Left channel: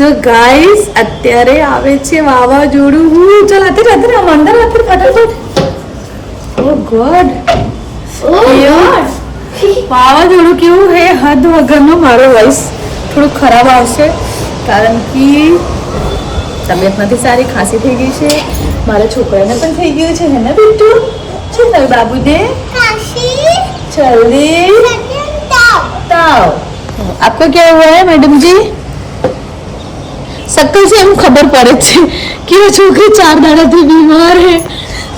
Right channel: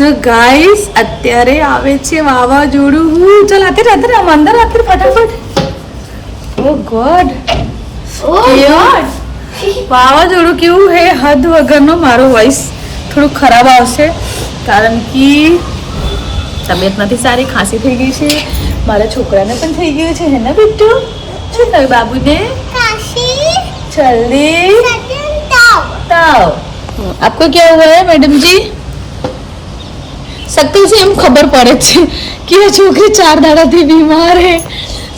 So guys અત્યારે આવે છે વાવાઝોડું. હું ચાલ અત્યારે અત્યારે અંદર અત્યારે ફટાફટ. Oh ઓ ગોડ વાવાઝોડું કેવું હે? હદ વગરનો મારો વોઇસ થોડું ખરાબ આવશે. કારણ કે તબિયત નથી સારી ખાંસી થઈ ગઈ છે. મારા છોકરાને પણ થઈ ગયું છે હે ને બિટ્ટુ છે ને બાબુને? જલ્દી. તાવ. આપકો ક્યાં હુઆ હે મેડમ જી શકલ છે એમ ખબર પડે છે કે એ છોકરી ચાર દાડાથી બીમાર છે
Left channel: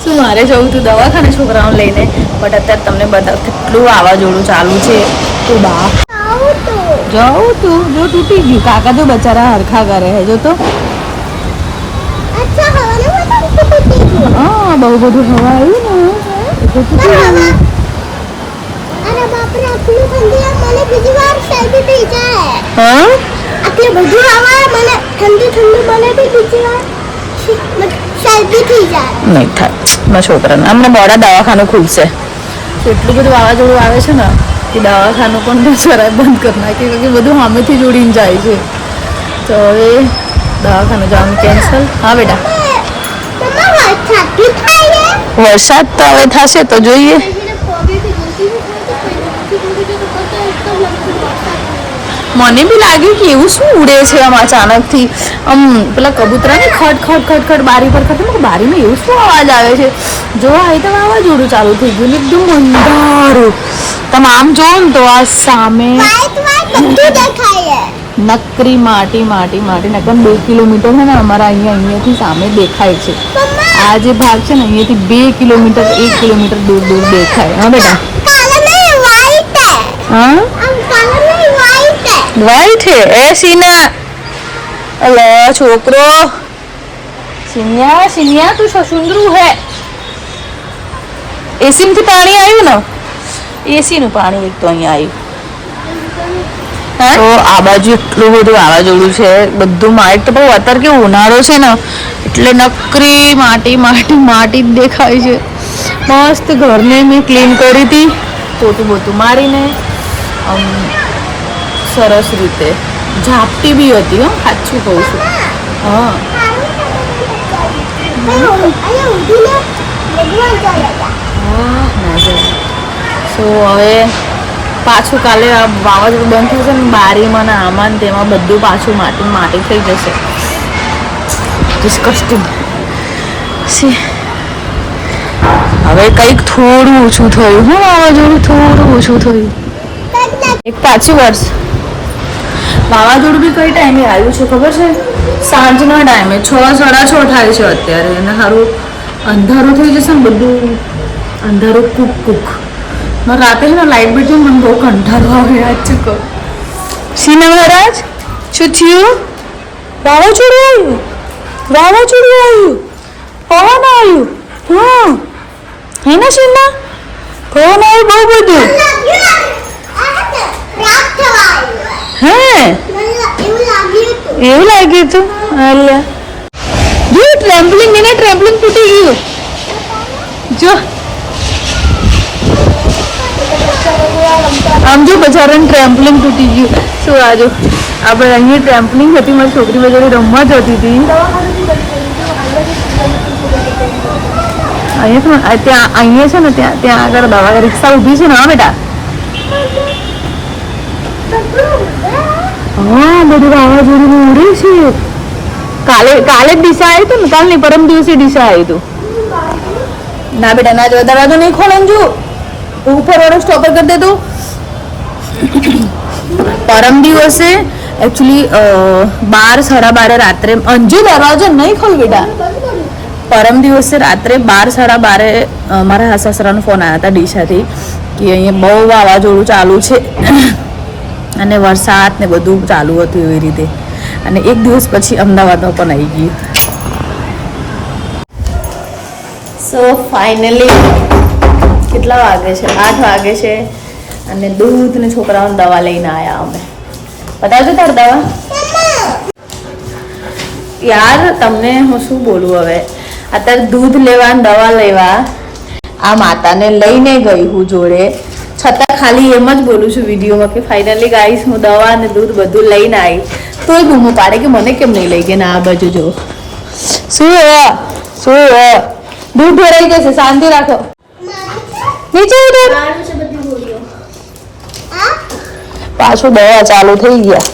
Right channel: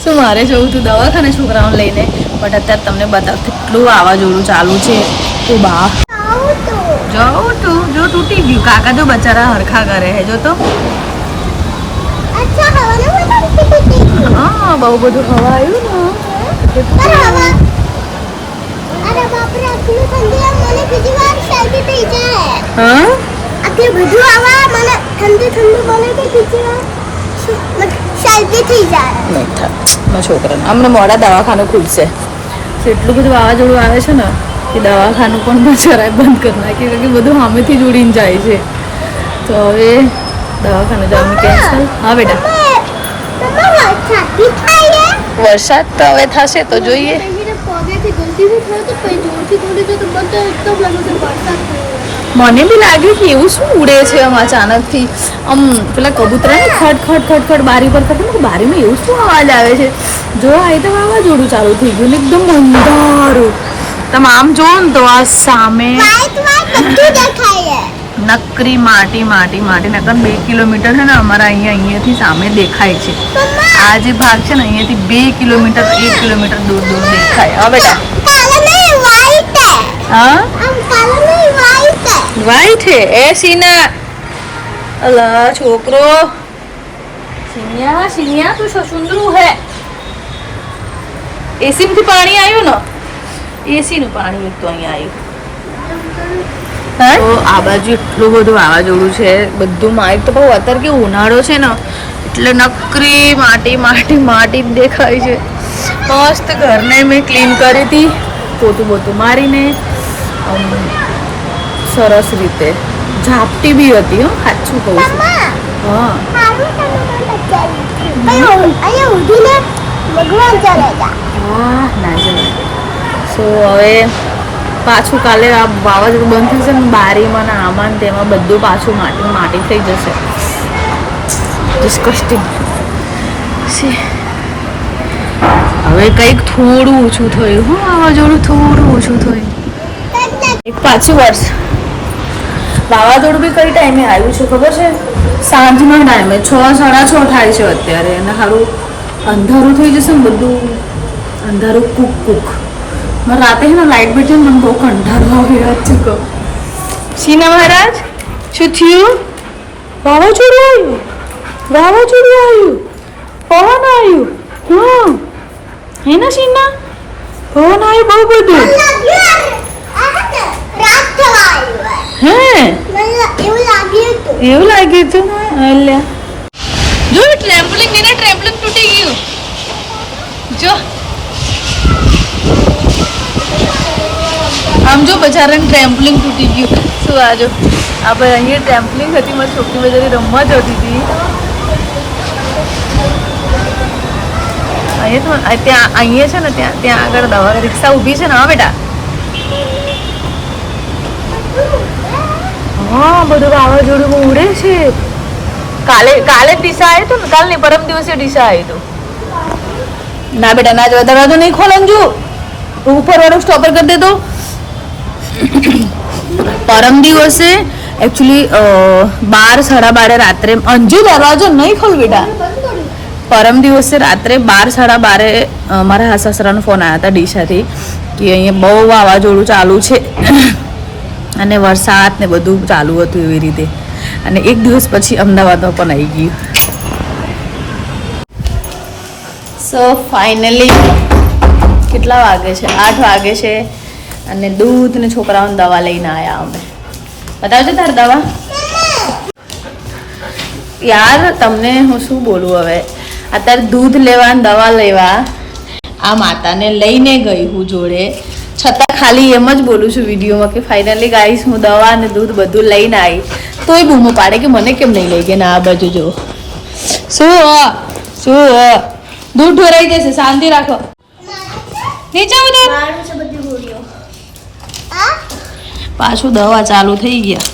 શું મારે જવું હતું દવાખાને છોકરાઓને લઈને? બટ અત્યારે તમને બધા કેટલું આવાજોડું ચાલુ છે. તો બા. જાઉં તું. જો તૂટી ગયું. કાકા જો બચારા હરખા કરે હે. જો તો હા બહુ બધું ભરાયું હા બધું આવા મને ઠંડી ઠંડી બને તો બીજી વાર શરદી થઈ જાય નહીં થાય. છોકરાને. હમણાં મોડા દવાખાનું ખુલશે. તો એટલું બધું વાવાઝોડું આવે છે ને કે દવાખાનું પણ જરાય બંધ કરી નાખ્યું કે બધું સામેથી જોડીને જાય છે. તો હવે દવાખાનું જવાનું કેન્સલ હા બેટા. વરસાદ તો હવે થશે તો જોઈએ. મને બી લાગ્યું કે એવું શું ઉડે છે આમ અચાનકથી. આમ પેલા કબૂતરા ને ખટ ખટ ખટ ખટ બારી પર મેં બારીમાં એવું શું અવાજ આવે છે? જો આ તો વાવાઝોડું ચાલુ થઈ ગયું એકદમ અંધારું. તમે આમ જોવો ને તો આ સામે નકરી માટી માટી માટી નકર બે કિલોમીટર છે ને અમારા અહીંયા અહીંયાથી સામે દેખાય છે. આ જે ભાગ છે ને અહીંયાથી બે કિલોમીટર એક કિલોમીટર દૂર દૂર દેખાય. હા બેટા? હા. આમ છે. એ સીના. અલા છોકરો. સિનિયા સિનિયા તું સુંદરું હે. એસી થી પાણી આવ્યું ને? એસી નું પાણી એક તો અહીંયા આવ્યું. તો આ બાજુ એટલું બધું વાવાઝોડું છે. બધું માટી તો ભાઈ અત્યારે કે ઉનાળો છે ને? એટલે નકરી માટી માટી માટી દેખાય છે. મસ્ત ઘરને મેં ક્લીન કરી હતી. પોતું બોતું મારીને સરસ રીતે. ઝાપટી બી હતી, હો, સાચું કહું છું. હા. ના સો, હવે પાછું કાલે આ વાવાઝોડું બંધ થશે ને, બારીમાં ને આમાં તેમાં બધું પાછું માટી માટી થઈ જશે. ડિસ્કસ્ટિંગ હવે કંઈક થોડું ઓછું થયું. હું વાવાઝોડું થોડું ઓછું થયું. એક પાછી વર્ષ વાવાઝોડું બી કઈ ટાઈમે આવ્યું છે, ખબર છે? સાંજના ટાઈમે છ, સાડા છ થાય છે અત્યારે અને સારું અંધારું થઈ જશે ને બધું. અંધારું કૂક કૂક. રાતે છે ને લાઇટ બેઠી મને બહુ કંટાળો આવે, યાદ કહો સીના મહારાજ? શું થયું? વાવાઝોડું આવ્યું? વાવાઝોડું આવ્યું? પવન આવ્યું? હા. હે ને સીના પવન આવ્યું બહુ બધું. હે એવું લાગ્યું હતું અલ્યા જો ટ્રેમ્પલિંગ એને ટ્રેમ્પલિંગ તૂટી ગયું જો આમ જો બજારાને ટ્રેમ્પલિંગ તૂટી ગયું શું આ જો આપણે અહીંયા ટ્રેમ્પલિંગ હતી મારી છોકરી બજારે રમવા જતી હતી અહીંયા છે ને ત્યાં અહીંયા છે ને ત્યાં ત્યાં આગળ રિક્ષા ઊભી છે ને હા બેટા હા કાલે કાલે ડીસા આવ્યું હતું ને? કાલની પરમ દિવસે ડીસા આવ્યું ના બેટા, ના જવા, દરવાજો નહીં ખોલન જો. ઉપર વાળો સ્ટોપર કરી દે તો. પરમ દિવસે એકચ્યુઅલી બાર, સાડા બારે રાત્રે, અંજુ દરવાજો નહીં ખોલ બેટા. પરમ દિવસે રાત્રે બાર, સાડા બારે મારા સાસરાનો ફોન આવ્યા હતા ડીસાથી, કે અહીંયા બહુ વાવાઝોડું ચાલુ છે. અને વરસાદ ને બધું ચાલુ હતું એવી રીતે. અને એક દિવસ પછી અમદાવાદમાં પણ આવી ગયું. સો ફાઇનલી કેટલા વાગે છે? આઠ વાગે છે અને દૂધ ને છોકરાઓને દવા લઈને આવ્યા અમે. બતાવજો તાર દવા. યાર, તમને હું શું બોલું હવે? અત્યારે દૂધ લેવા દવા લેવા આ માતાને લઈને ગઈ હું જોડે. છતાં ખાલી એમ જ બોલું છું વિડીયોમાં કે ફાઇનલી ગાઈસ હું દવા અને દૂધ બધું લઈને આવી. તોય બૂમો પાડે કે મને કેમ નહીં લઈ ગયા ને, આ બાજુ જો શું શું દૂધ ઢોરાઈ જશે, શાંતિ રાખો. નીચે પાછું દવા ચાલુ થઈ ગયા.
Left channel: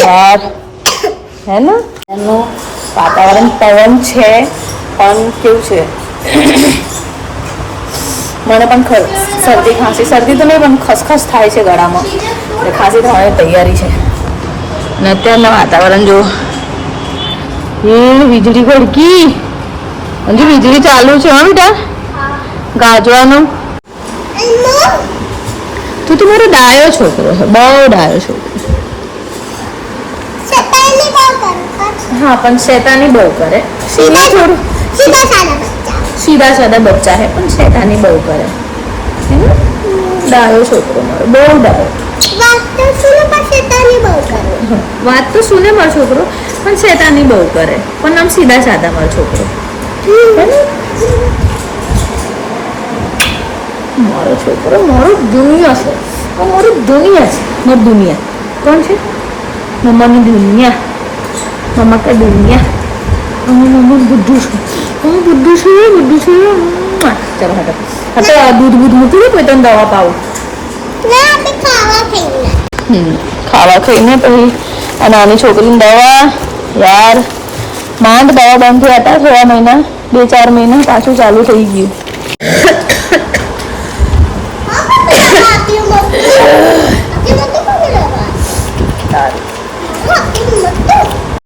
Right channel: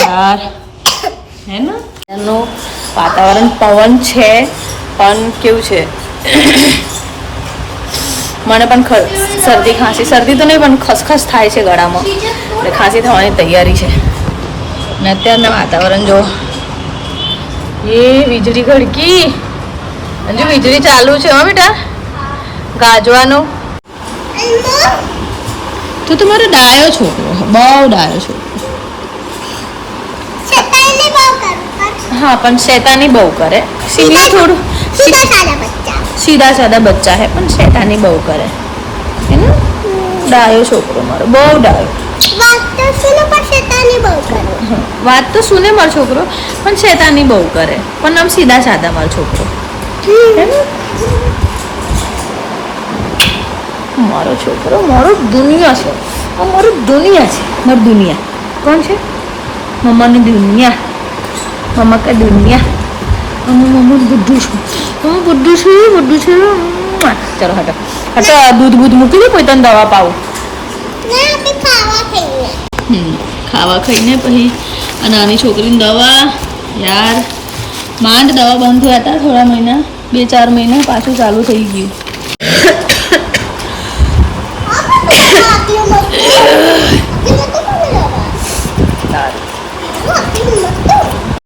યાર. હે ને? એનું વાતાવરણ પવન છે. પણ કેવું છે? મને પણ શરદી ખાંસી શરદી તો નહીં પણ ખસખસ થાય છે ગળામાં. એટલે ખાંસી થવાની તૈયારી છે. ને અત્યારના વાતાવરણ જો. એ વીજળી ખડકી. હજુ વીજળી ચાલુ છે હા બેટા? ગાજવાનું. તું તો મારો ડાયો છોકરો છે બહુ ડાયો છોકરો. હા પણ શેતાની બહુ કરે. સિમિ થોડું સીધા સારા બચ્ચા સીધા સાદા બચ્ચા હે પણ શેતાની બહુ કરે. હે ને? ડાયો છોકરો મારો બહુ ડાયો. વાત તો સુને મારો છોકરો પણ શેતાની બહુ કરે. પણ આમ સીધા સાદા મારો છોકરો. હે ને? મારો છોકરો મારો દુનિયા છે. આ મારી દુનિયા છે. મારી દુનિયા. કોણ છે? મમ્માની દુનિયા. મમ્મા કા દુનિયા. અમે મમ્માનું બધું છું. અમે બુદ્ધુ છું બુદ્ધુ છું. ચલો હટો. હટો આ દૂધ બૂધ મૂકી દે કોઈ તને દવા પાવું. ખાવા થઈને ખાવા ખાઈને પછી આ નાની છોકરીની દવા. યાર માંડ દવા બંધ થયા હતા થોડા મહિના બે ચાર મહિના પાછું ચાલુ થઈ ગયું.